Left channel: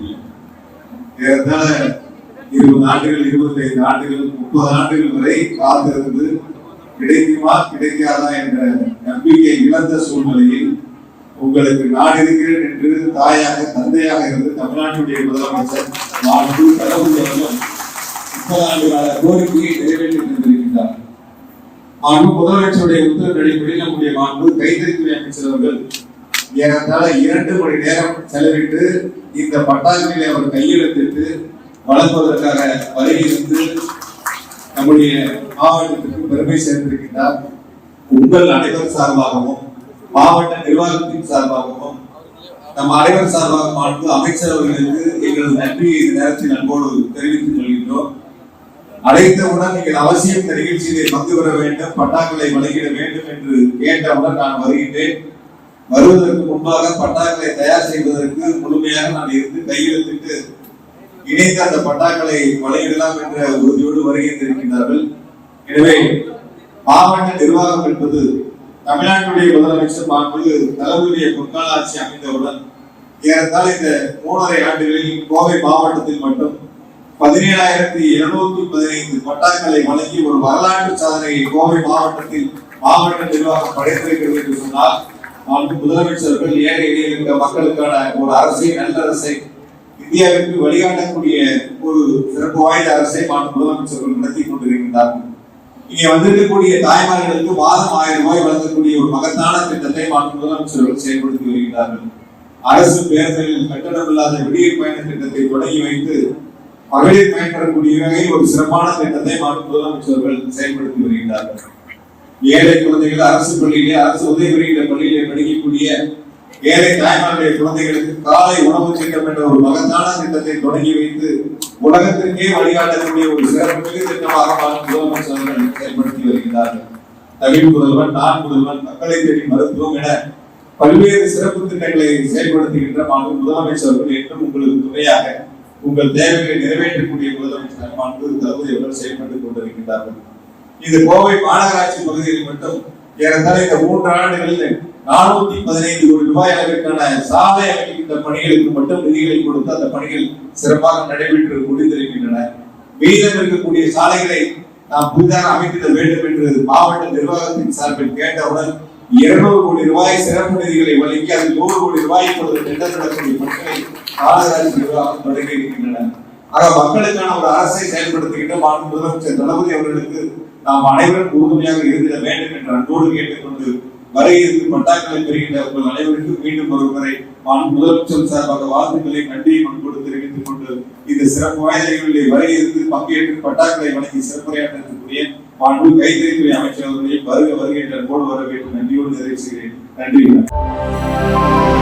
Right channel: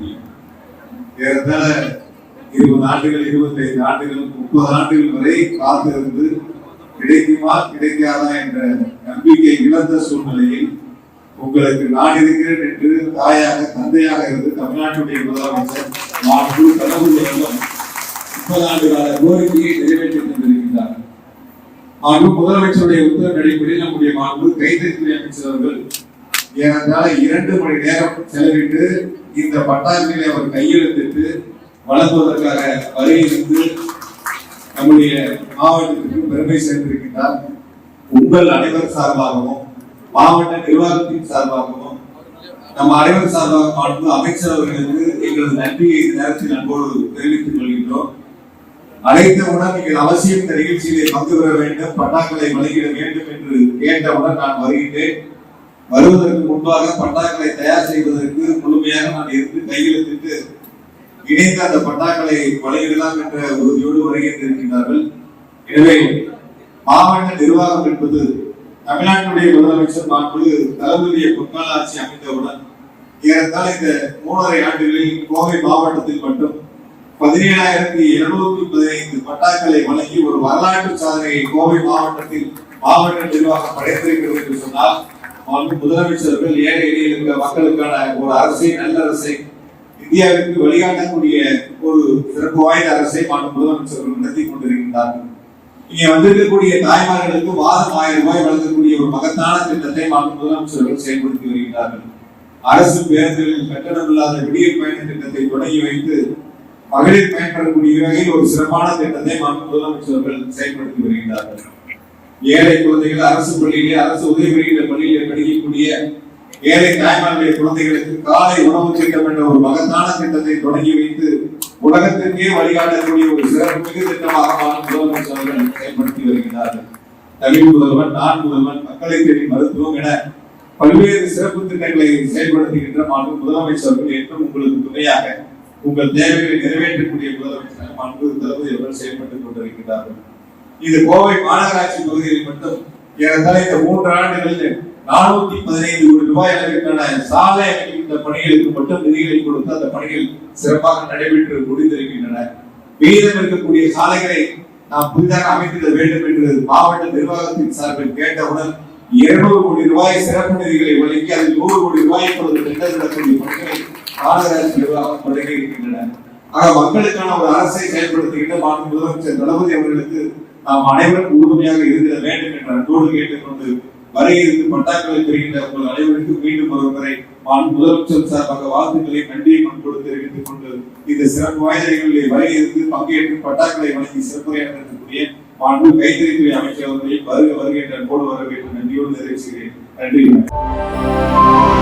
தெரியல. ஏறத்தாழ 20 ஆண்டுகள், 25 ஆண்டுகள், 30 ஆண்டுகள் வரை காத்திருந்து கிடைக்குமா கிடைக்காதா என்ற நம்பிக்கை இழந்த சூழ்நிலையில் உங்களுக்கு நான் இருக்கிறேன் என்று தாயாக தந்தையாக இருந்து தமிழ்நாட்டுடைய முதலமைச்சர் மாண்பு தளபதி அவர்கள் 30 ஆண்டுகால கோரிக்கையை நிறைவேற்றி தந்திருக்கின்றார். மாண்பு முதலமைச்சருடைய உத்தரவு அடிப்படையில் நம்முடைய மாண்பு கைத்தறித்துறை அமைச்சர் அவர்கள் ஏறத்தாழ 2 மணி நேரம் செலவிட்டு இந்த பட்டாக்களை அவர் கையெழுத்திட்டு வழங்குவதற்காக வருகிறது நம்முடைய மாவட்டத்திற்கு பெருமை சேர்ந்திருக்கின்றார். உங்கள் அனைவர் சார்பாகவும் மாவட்ட நிர்வாகத்தின் சார்பாகவும் நம் அனைவர் சார்பாக மாண்பு அமைச்சர் அவர்களுக்கு எங்களது நன்றியை இந்த நேரத்தில் அன்போடு தெரிவித்துக் கொள்கின்றோம். அழைத்தவுடன் நீங்கள் அவசியம் இந்த நிகழ்ச்சியிலே பங்கு பெற வேண்டும், பட்டாக்களை வழங்கிட வேண்டும் என்று கேட்டவுடன் நான் வருகின்றேன். வருவதற்கு முன்பாக பட்டாக்களை தயார் செய்வதற்கு முழுமையாக நான் இருந்து கையெழுத்திட்டு இணைந்து அந்த பட்டாக்களை வழங்கிடலாம் என்ற உறுதியோடு வருகின்றிருக்கின்றார்கள். எனவே மாவட்ட நிர்வாகம் என்பது தமிழ்நாட்டுடைய முதலமைச்சர் மாண்பு தளபதியுடைய பொற்கால ஆட்சி அமைந்தவுடன் ஏறத்தாழ இந்த 3.5 ஆண்டுகளில் கோவை மாவட்டத்தில் மட்டும் 17,215 பட்டாக்களை வழங்கி ஒரு வரலாற்று சாதனையை கோவை மாவட்டத்தில் மாவட்ட நிர்வாகம் படைத்திருக்கிறது என்று சொன்னால் மாண்பு முதலமைச்சர்கள் ஏழை எளிய மக்களுக்கான ஒரு அரசை, நல்ல அரசை, இந்தியாவிற்கு வழிகாட்டக்கூடிய ஒரு சிறப்பு வாய்ந்த அரசை மாண்பு முதலமைச்சர்கள் நடத்தி கொண்டிருக்கின்றார்கள். இங்கே வந்திருக்கக்கூடிய தாய்மார்களுக்கு மாதம் 1000 ரூபாய் வழங்கக்கூடிய ஒரு மகத்தான திட்டத்தை மாண்பு முதலமைச்சர்கள் செயல்படுத்தி வருகிறார்கள். அரசு பேருந்துகளில் கட்டணமில்லாத விடியல் பயண திட்டத்தை தொடங்கி வைத்து மகளிர் பயன்பெறக்கூடிய வகையில் ஒரு சிறப்பான திட்டத்தை மாண்பு முதலமைச்சர்கள் செயல்படுத்தி வருகிறார்கள். ஏழை குழந்தைகள் அரசு பள்ளியிலே, அரசு உதவி பெறுகிற பள்ளியிலே படிக்கக்கூடிய ஏழை தாய்மார்களுடைய குழந்தைகளுக்கு காலை உணவு திட்டம் என்ற ஒரு மகத்தான திட்டத்தை தொடங்கி வைத்து உலகத்திற்கே வழிகாட்டக்கூடிய ஒரு சிறப்பு மிகு திட்டமாக முதலமைச்சர்கள் செயல்படுத்தி வருகிறார்கள். தனி முதல்வன், நான் முதல்வன், மக்களை தேடி மருத்துவம் என பல்வேறு சிறப்பு திட்டங்களை செயல்படுத்துகின்ற மாண்பு முதலமைச்சர்கள் என்றும் உங்களுக்கு துணையாக உங்கள் தேவைகளை நிறைவேற்றக்கூடிய முதலமைச்சர் மாண்பு தளபதி அவர்கள் செயல்பட்டுக் கொண்டிருக்கிறார்கள். இது கோவை மாநகராட்சி பகுதியில் மட்டும் ஏறத்தாழ இந்த 3 ஆண்டுகளில் 415 கோடி ரூபாய் அளவிற்கான சாலை அமைக்கின்ற பணிகளுக்கு மட்டும் நிதிகளை கொடுத்து அந்த பணிகள் சிறப்பாக நடைபெற்று முடிந்திருக்கின்றன. மீதம் இருக்கக்கூடிய சாலைகளை நாம் புதிதாக அமைத்திட வேண்டும் என்று மாவட்ட நிர்வாகத்தின் சார்பில் கேட்டவுடன் 200 கோடி ரூபாய் சிறப்பு நிதிகளை வழங்கி அதில் 100 கோடி ரூபாய் இப்பொழுது டெண்டர் நடக்கூடிய பணிகளை மாநகராட்சி நிர்வாகம் தொடங்கி இருக்கின்றன. ஆக மக்களுக்கான ஒரு அரசை செயல்படுத்துகின்ற மாண்பு முதலமைச்சர் தளபதி அவர்களுக்கு நாம் அனைவரும் உறுதுணையாக இருந்திட வேண்டும் என்ற அன்போடு கேட்டுக்கொண்டு வரையிற்கு பட்டாக்களை பெறுகின்ற உங்கள் அனைவருக்கும் மீண்டும் ஒரு முறை முதலமைச்சர் சார்பாக வாழ்த்துக்களை நன்றியை முன்போடு தெரிவித்துக் கொண்டு இந்த சிறப்பு வாய்ந்த நிகழ்வுகளை வரையிற்கு பங்கேற்று பட்டாக்களை வழங்கி சிறப்புரையாற்றக்கூடிய மாண்பு கைத்தறித்துறை அமைச்சர் அவர்களை வருக வருகின்ற அன்போடு வரவேற்று நன்றியோடு நிறைவு செய்கிறேன். நன்றி.